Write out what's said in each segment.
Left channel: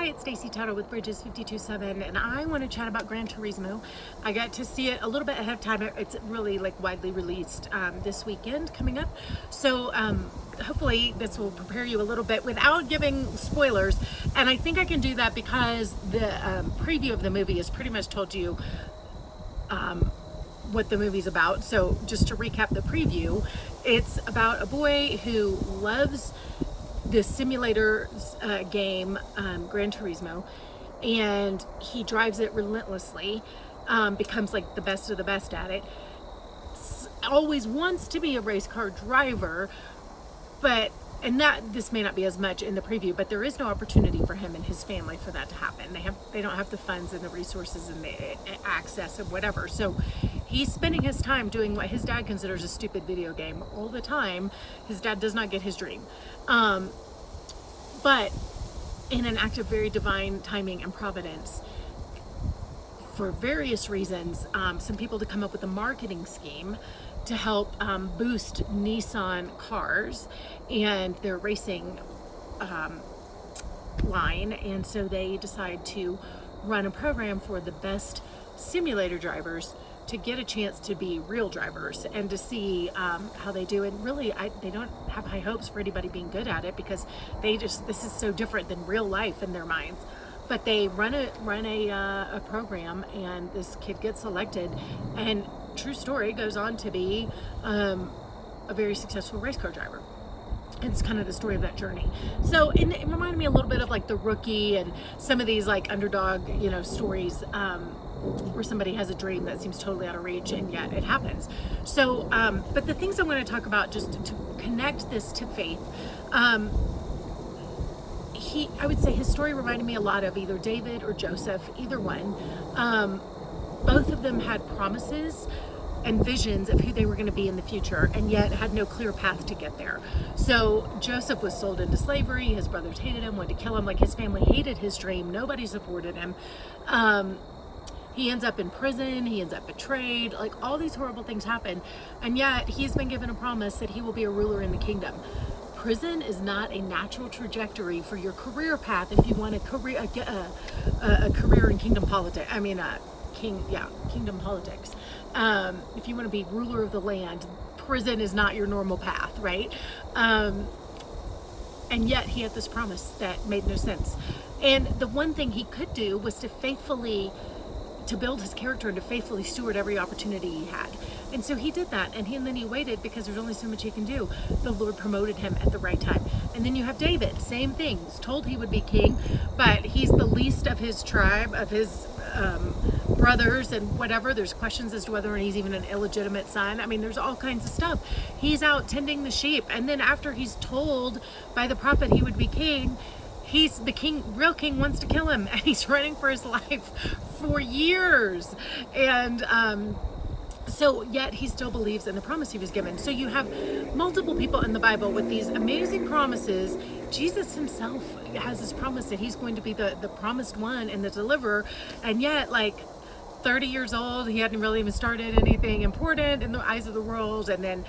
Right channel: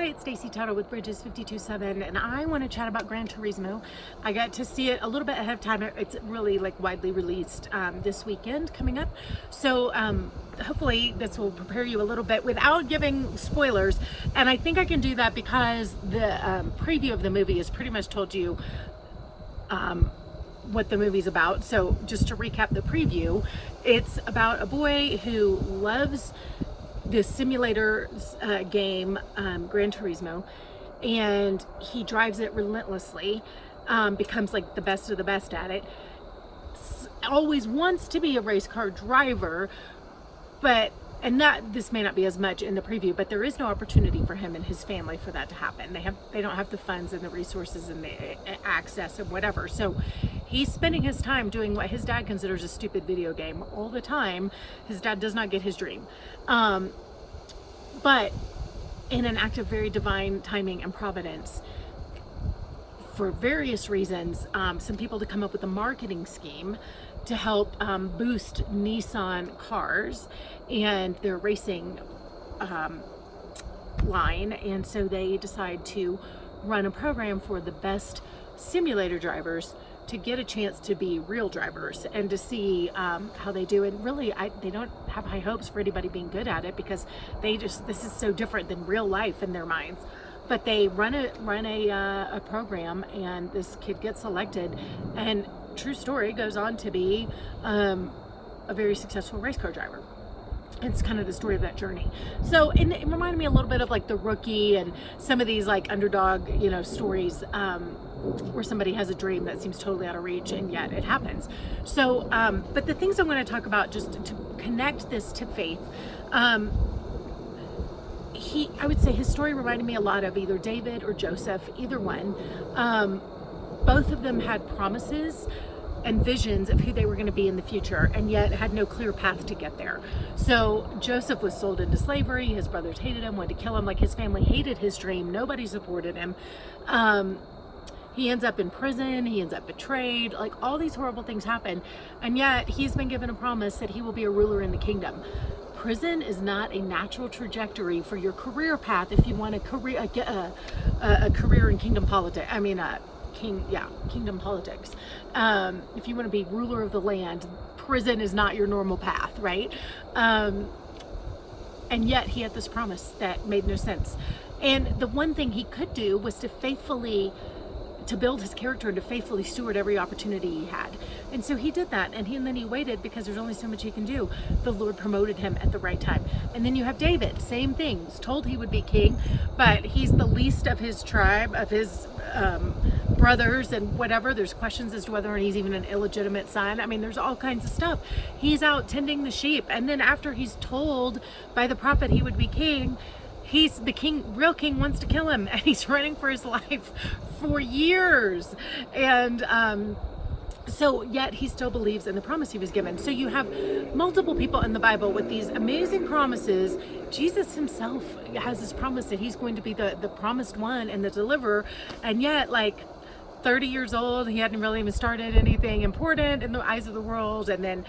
Hi, it's Stacey Toto with Bridges 52.7, and I want to chat about Gran Turismo. I got to see it a little bit ahead of time. It's really widely released this weekend coming up. So hopefully this will prepare you a little bit without giving spoilers. And I think I can do that because the preview of the movie has pretty much told you what the movie's about. So just to recap the preview, it's about a boy who loves this simulator game, Gran Turismo, and he drives it relentlessly, becomes like the best of the best at it, always wants to be a race car driver, and this may not be as much in the preview, but there is no opportunity for him and his family for that to happen. They don't have the funds and the resources and the access and whatever. So he's spending his time doing what his dad considers a stupid video game all the time. His dad does not get his dream. But in an act of very divine timing and providence, for various reasons, some people to come up with a marketing scheme to help boost Nissan cars and their racing line. And so they decide to run a program for the best simulator drivers to get a chance to be real drivers and to see how they do. And really, they don't have high hopes for anybody being good at it because this is so different than real life in their minds. But they run a program, and this kid gets selected, and true story, goes on to be a very successful race car driver. It's kind of the story of that journey. So it reminded me a little bit of like The Rookie and some of these underdog, stories where somebody has a dream that seems totally out of reach and yet it happens. So, but the things I want to talk about just to connect this to faith, I would say his story reminded me a lot of either David or Joseph, either one. Both of them had promises and visions of who they were going to be in the future, and yet had no clear path to get there. So Joseph was sold into slavery. His brothers hated him, wanted to kill him. His family hated his dream. Nobody supported him. He ends up in prison. He ends up betrayed. All these horrible things happen, and yet he's been given a promise that he will be a ruler in the kingdom. Prison is not a natural trajectory for your career path if you want a career in kingdom politics. Kingdom politics. If you want to be ruler of the land, prison is not your normal path, right? And yet he had this promise that made no sense. And the one thing he could do was to build his character and to faithfully steward every opportunity he had. And so he did that, and then he waited because there's only so much he can do. The Lord promoted him at the right time. And then you have David, same thing. He's told he would be king, but he's the least of his tribe, of his brothers and whatever. There's questions as to whether he's even an illegitimate son. There's all kinds of stuff. He's out tending the sheep, and then after he's told by the prophet he would be king, the real king wants to kill him, and he's running for his life for years. And so yet he still believes in the promise he was given. So you have multiple people in the Bible with these amazing promises. Jesus himself has this promise that he's going to be the promised one and the deliverer, and yet 30 years old, he hadn't really even started anything important in the eyes of the world, and then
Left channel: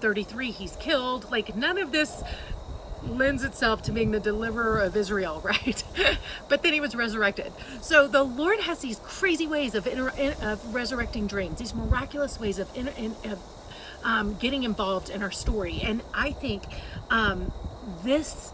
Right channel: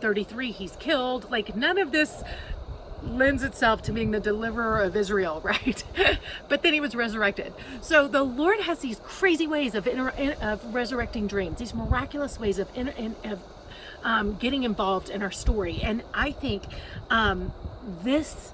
33, he's killed. None of this lends itself to being the deliverer of Israel, right? But then he was resurrected. So the Lord has these crazy ways of resurrecting dreams, these miraculous ways of getting involved in our story. And I think this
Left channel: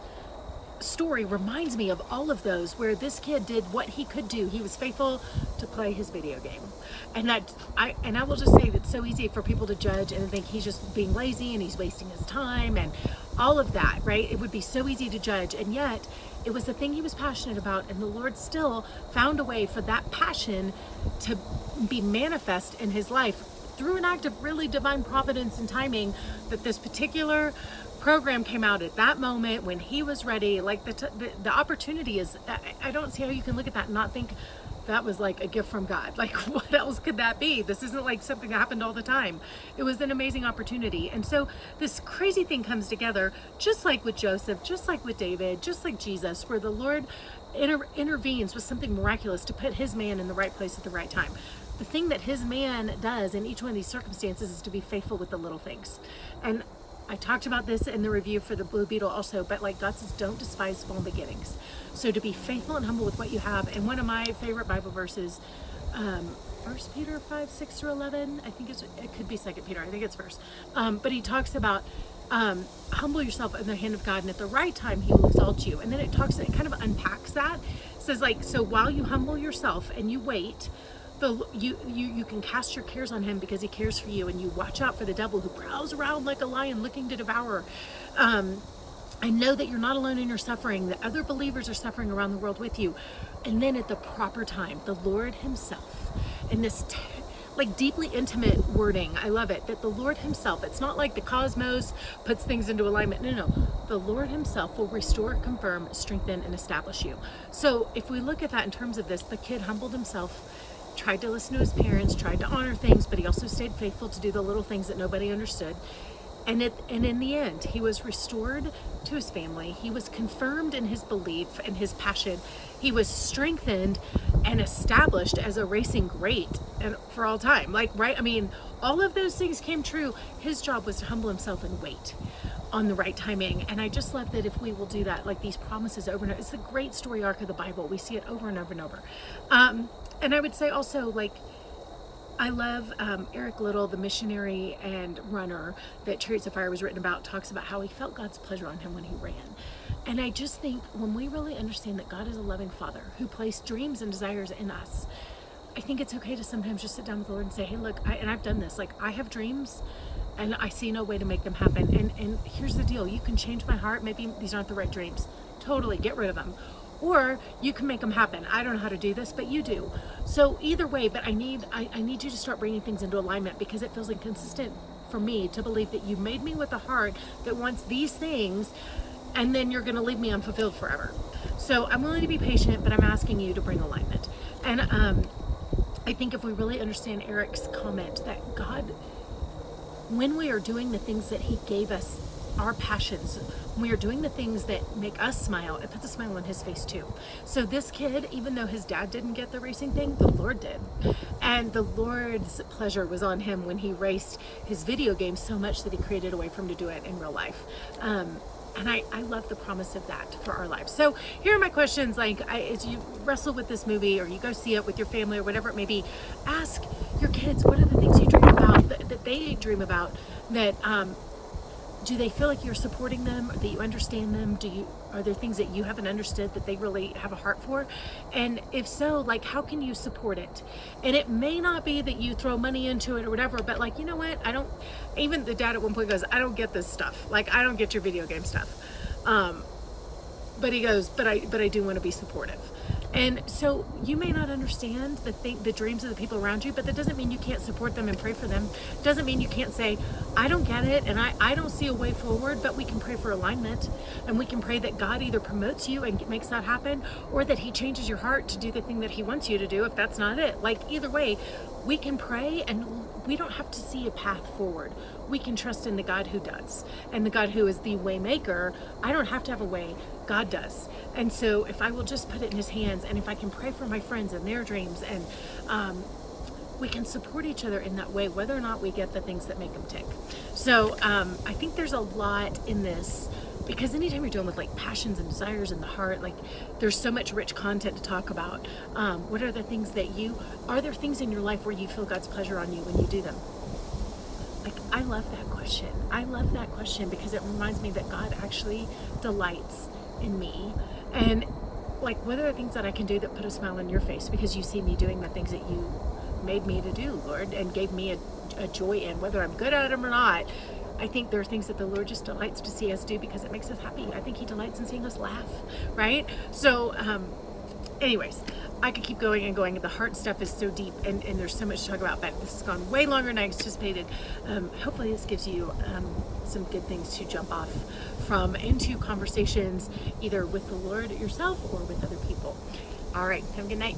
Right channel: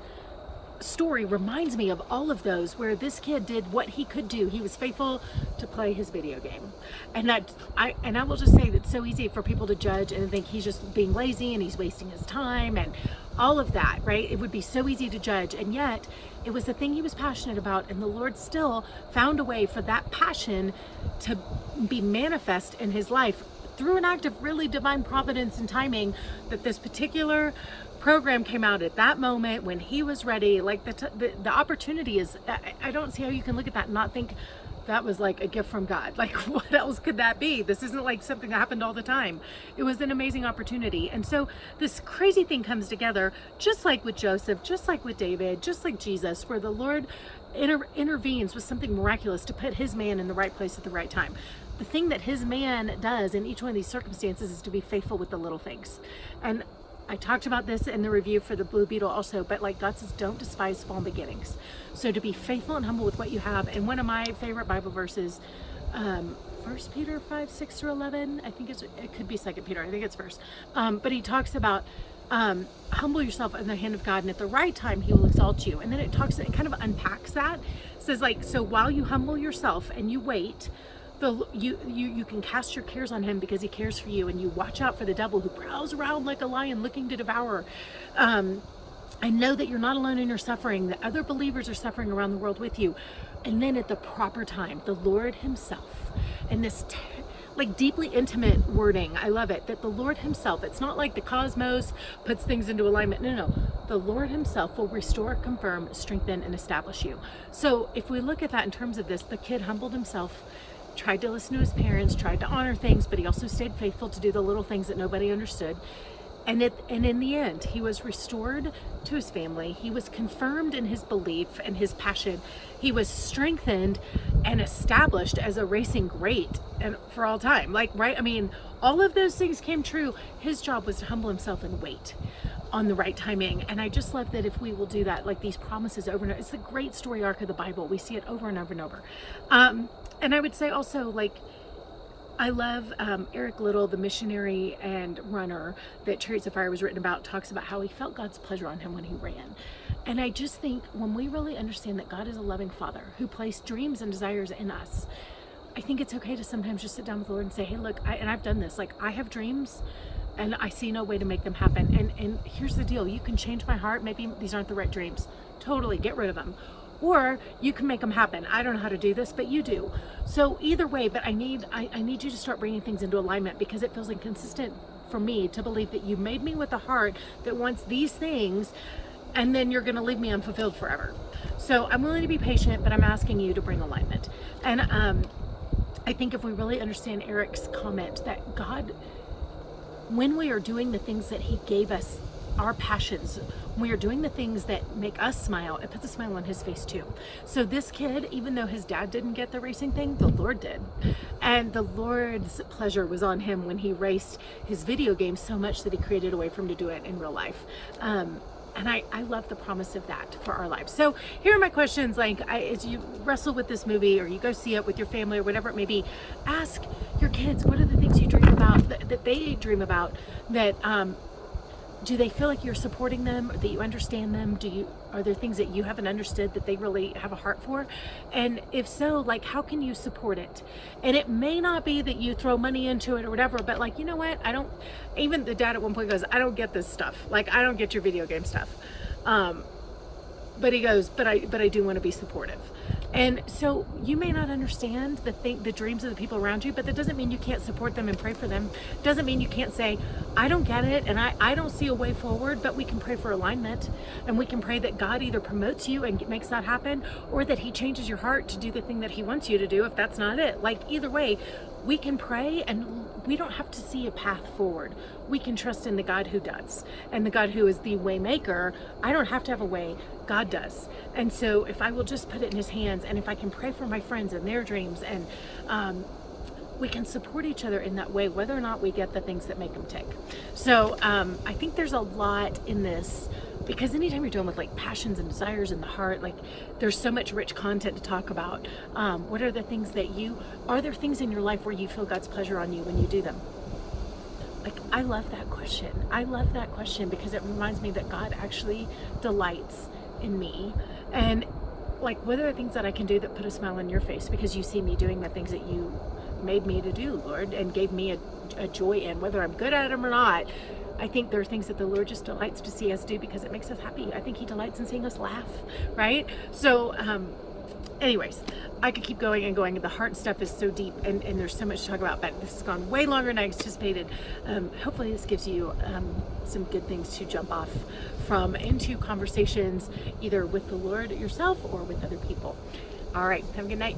story reminds me of all of those where this kid did what he could do. He was faithful to play his video game. And I will just say that it's so easy for people to judge and think he's just being lazy and he's wasting his time and all of that, right? It would be so easy to judge, and yet it was the thing he was passionate about, and the Lord still found a way for that passion to be manifest in his life through an act of really divine providence and timing, that this particular program came out at that moment when he was ready. The opportunity is, I don't see how you can look at that and not think that was a gift from God. What else could that be? This isn't something that happened all the time. It was an amazing opportunity. And so this crazy thing comes together, just like with Joseph, just like with David, just like Jesus, where the Lord intervenes with something miraculous to put his man in the right place at the right time. The thing that his man does in each one of these circumstances is to be faithful with the little things. And I talked about this in the review for the Blue Beetle also, but like God says, don't despise small beginnings. So to be faithful and humble with what you have. And one of my favorite Bible verses, 1 Peter 5, 6 through 11, I think it could be 2 Peter, I think it's first. But he talks about humble yourself in the hand of God, and at the right time he will exalt you. And then it kind of unpacks that. It says like, so while you humble yourself and you wait, you can cast your cares on him because he cares for you, and you watch out for the devil who prowls around like a lion looking to devour. I know that you're not alone in your suffering, that other believers are suffering around the world with you. And then at the proper time, the Lord himself, and this like deeply intimate wording, I love it, that the Lord himself, it's not like the cosmos puts things into alignment. No, the Lord himself will restore, confirm, strengthen, and establish you. So if we look at that in terms of this, the kid humbled himself, tried to listen to his parents, tried to honor things, but he also stayed faithful to do the little things that nobody understood. And in the end, he was restored to his family. He was confirmed in his belief and his passion. He was strengthened and established as a racing great and for all time. Like, right? I mean, all of those things came true. His job was to humble himself and wait on the right timing. And I just love that if we will do that, like these promises over and over. It's the great story arc of the Bible. We see it over and over and over. And I would say also, like, I love Eric Liddell, the missionary and runner that Chariots of Fire was written about, talks about how he felt God's pleasure on him when he ran. And I just think when we really understand that God is a loving Father who placed dreams and desires in us, I think it's okay to sometimes just sit down with the Lord and say, hey, look, and I've done this. Like, I have dreams and I see no way to make them happen. And here's the deal. You can change my heart. Maybe these aren't the right dreams. Totally get rid of them. Or you can make them happen. I don't know how to do this, but you do. So either way, but I need you to start bringing things into alignment, because it feels inconsistent for me to believe that you made me with a heart that wants these things, and then you're going to leave me unfulfilled forever. So I'm willing to be patient, but I'm asking you to bring alignment. And I think if we really understand Eric's comment that God, when we are doing the things that he gave us, our passions, when we are doing the things that make us smile, it puts a smile on his face too. So this kid, even though his dad didn't get the racing thing, the Lord did. And the Lord's pleasure was on him when he raced his video games so much that he created a way for him to do it in real life. And I love the promise of that for our lives. So here are my questions. Like, as you wrestle with this movie, or you go see it with your family, or whatever it may be, ask your kids, what are the things you dream about, that they dream about, that do they feel like you're supporting them, or that you understand them? Are there things that you haven't understood that they really have a heart for? And if so, like, how can you support it? And it may not be that you throw money into it or whatever, but like, you know what? Even the dad at one point goes, I don't get this stuff. Like, I don't get your video game stuff. But he goes, but I do want to be supportive. And so you may not understand the dreams of the people around you, but that doesn't mean you can't support them and pray for them. Doesn't mean you can't say, I don't get it and I don't see a way forward, but we can pray for alignment, and we can pray that God either promotes you and makes that happen, or that he changes your heart to do the thing that he wants you to do if that's not it. Like, either way, we can pray, and we don't have to see a path forward. We can trust in the God who does, and the God who is the way maker. I don't have to have a way, God does. And so if I will just put it in his hands, and if I can pray for my friends and their dreams, and we can support each other in that way, whether or not we get the things that make them tick. So I think there's a lot in this, because anytime you're dealing with like passions and desires in the heart, like there's so much rich content to talk about. What are the things are there things in your life where you feel God's pleasure on you when you do them? Like, I love that question. I love that question because it reminds me that God actually delights in me. And like, what are the things that I can do that put a smile on your face because you see me doing the things that you made me to do, Lord, and gave me a joy in, whether I'm good at them or not. I think there are things that the Lord just delights to see us do because it makes us happy. I think he delights in seeing us laugh, right? So anyways, I could keep going and going. The heart stuff is so deep, and there's so much to talk about, but this has gone way longer than I anticipated. Hopefully this gives you some good things to jump off from into conversations, either with the Lord yourself or with other people. All right, have a good night.